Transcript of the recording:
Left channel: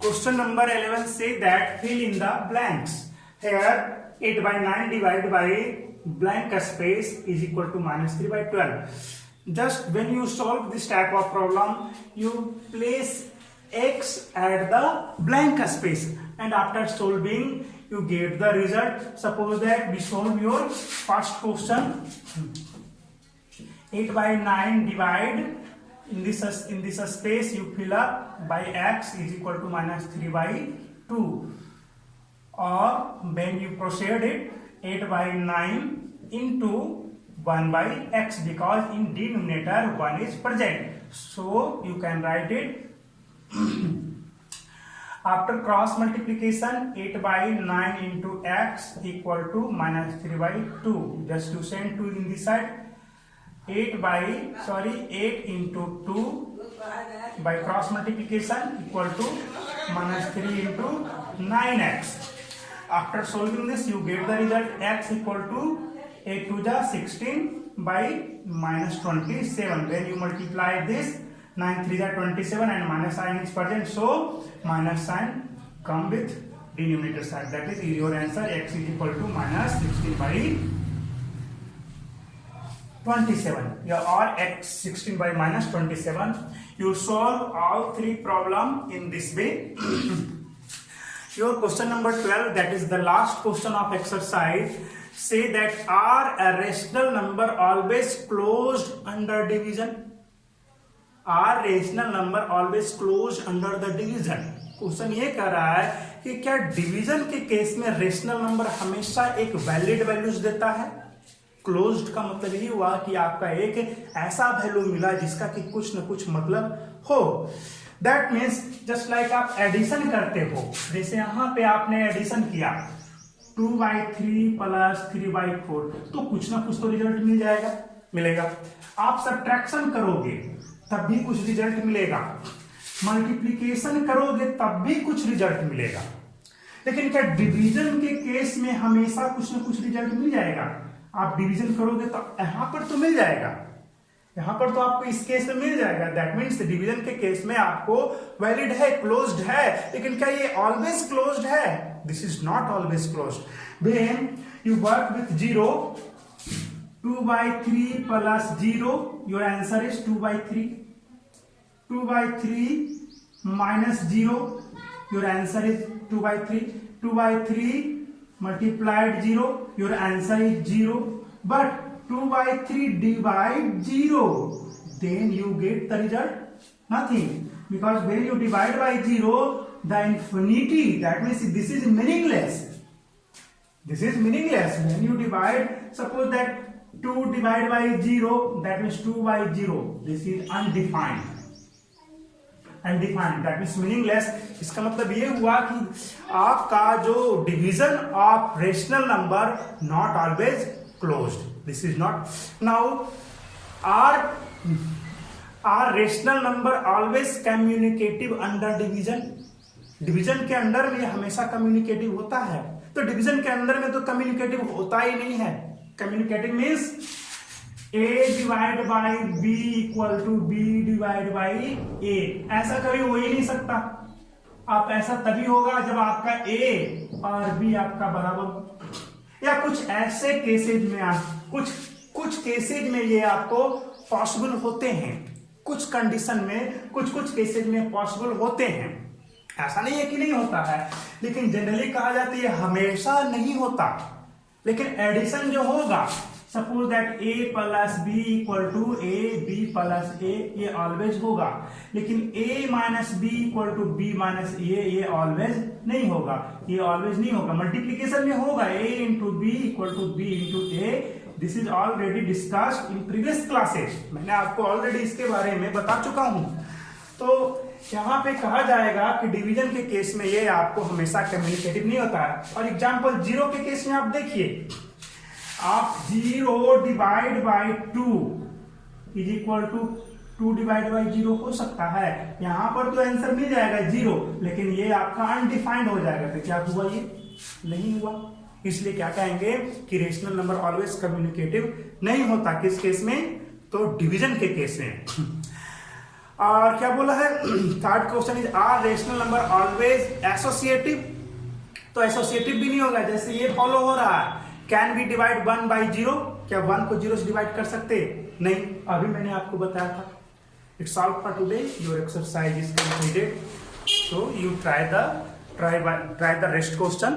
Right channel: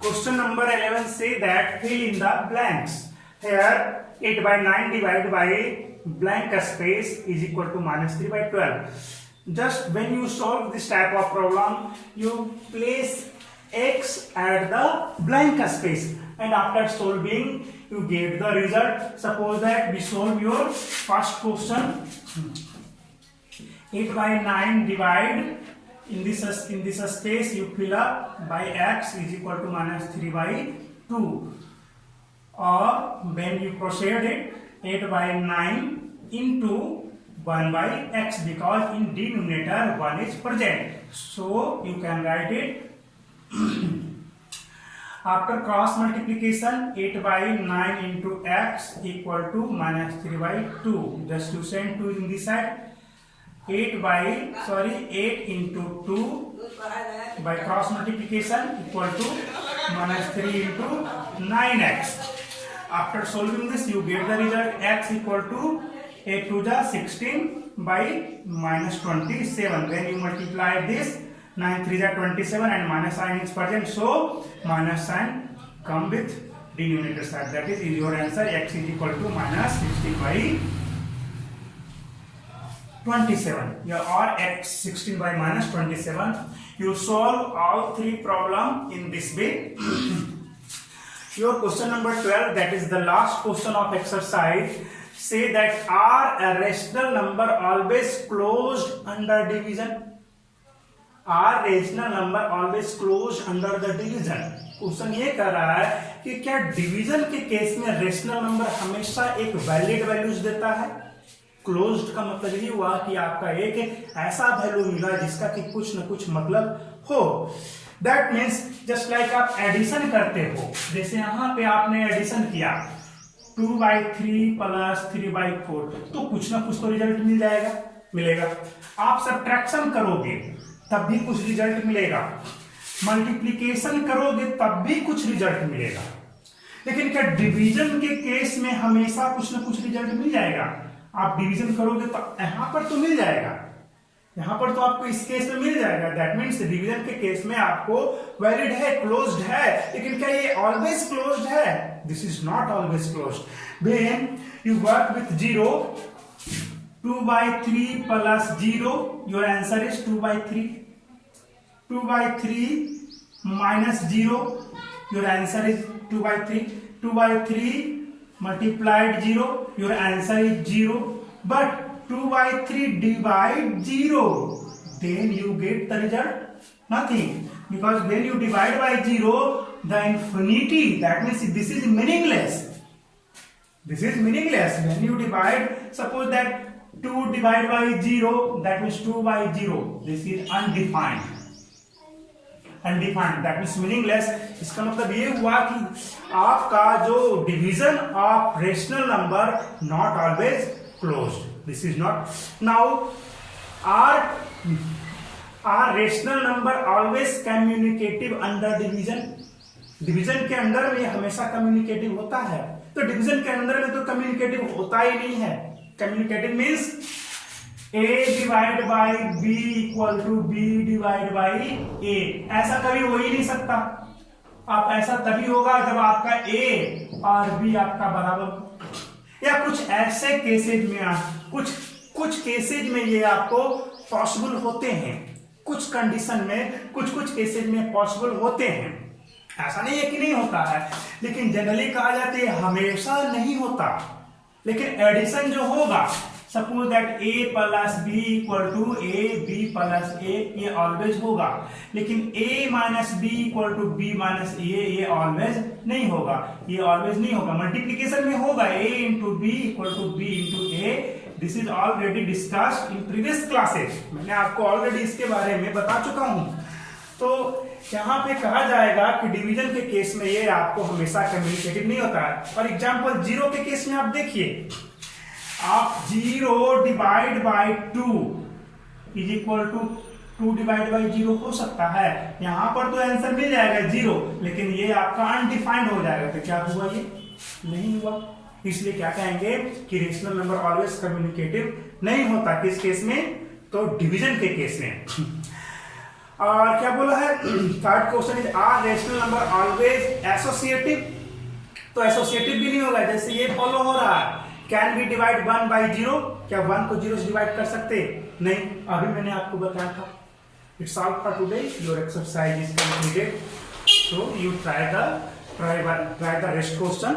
Question number 11 say that fill in the blanks. Here 8 by 9 divided by blank space is equal to minus 3 by 12. Just when you solve this type of problem, you place x at the blank space, and after solving you get the result. Suppose that we solve your first question. 8 by 9 divide in this space you fill up by x is equal to minus 3 by 2, or when you proceed it 8 by 9 into 1 by x, because in denominator 1 is present, so you can write it after cross multiplication 8 by 9 into x equal to minus 3 by 2. Just you send 2 in this side. 8 into 2 by cross multiplication equal to minus 3 into 9x. After solving this you get the result x equal to 8 to the 16 by minus 27. Then you multiply this, 9 3 are 27 and minus sign is present, so minus sign come with denominator side. That is your answer. X is equal to minus 16 by 27, or x 16 by minus 27. You solve all three problems in this way. Your question number 12, that is the last question of exercise, say that are a rational number always closed under division? Are rational number always closed under the division? Question ये कर रहा है कि क्या division के case में rational number हमेशा एक वैलिड वैल्यूज देता है? क्लोज्ड का मतलब ये हुआ कि आपका एक ऐसा वैल्यू मिला जिसका कि कुछ न कुछ मतलब हो. दैट मीन्स जस्ट लाइक आप एडिशन करते हो, जैसे यहाँ पे आपने एडिशन किया 2 by 3 प्लस 3 by 4, तो कुछ ना कुछ तो रिजल्ट मिलेगा. आप सब्ट्रैक्शन करोगे तब भी कुछ रिजल्ट मिलेगा, मल्टीप्लीकेशन करोगे तब भी कुछ रिजल्ट मिलेगा. लेकिन क्या डिवीजन के केस में हमेशा कुछ ना कुछ रिजल्ट मिल जाएगा? आप डिवीजन करोगे तो यहां पर तो मिल जाएगा, यहां पर तो आपको इस केस में मिल जाएगा. दैट मीन्स डिवीजन के केस में आपको वैलिड है, क्लोज्ड है. लेकिन क्या ये ऑलवेज क्लोज्ड है? This is not always closed. When you work with 0, 2 by 3 plus 0, your answer is 2 by 3. 2 by 3 minus 0, your answer is 2 by 3. 2 by 3 multiplied 0, your answer is 0. But 2 by 3 divide 0, then you get the result nothing, because when you divide by 0, the infinity, that means this is meaningless. This is meaningless. When you divide, suppose that 2 divided by 0, that means 2 by 0. This is undefined. That means meaningless. इसका मतलब ये हुआ कि आपका जो division of rational number not always closed. This is not. Now are rational number always commutative under division? Division के अंदर में हमेशा कम्युनिकेटिव होता है, तो डिवीजन के अंदर में तो कम्युनिकेटिव होता ही नहीं है. Commutative means a divide by b equal to b divide by a. ऐसा कभी हो ही नहीं सकता. आप ऐसा तभी होगा जब आपका a और b आपका बराबर, या कुछ ऐसे केसेज में कुछ केसेज में ये आपको पॉसिबल होते हैं, कुछ कंडीशन में कुछ केसेज में पॉसिबल होते हैं. ऐसा नहीं है कि नहीं होता है, लेकिन जनरली कहा जाता है हमेशा नहीं होता. लेकिन एडिशन जो होगा, suppose that a plus b equal to a, b plus a, ये ऑलवेज होगा. लेकिन a minus b equal to b minus a, ये ऑलवेज नहीं होगा. ये ऑलवेज नहीं होगा. मल्टीप्लीकेशन में होगा a into b equal to b into a. This is already discussed in previous classes. मैंने आपको ऑलरेडी इसके बारे में बता चुका हूं. तो यहाँ पे कहा जाएगा कि डिवीजन के केस में ये आपको हमेशा कम्युनिकेटिव नहीं होता है. और एग्जांपल 0 के केस में आप देखिए, आप 0 divide by 2 is equal to 2 divide by 0 हो सकता है. यहां पर तो आंसर मिल जाएगा 0, लेकिन ये आपका अनडिफाइंड हो जाएगा. तो क्या हुआ? ये नहीं हुआ. इसलिए क्या कहेंगे कि रेशनल नंबर ऑलवेज कम्युनिकेटिव नहीं होता. किस केस में? तो डिवीजन के केस में. और क्या बोला है, third question is are rational number always associative, तो एसोसिएटिव भी नहीं होगा, जैसे ये फॉलो हो रहा है, कैन बी डिवाइड 1 by 0, क्या 1 को 0 से डिवाइड कर सकते नहीं, अभी मैंने आपको बताया था। It's all for today, your exercise is completed, so you try the rest question.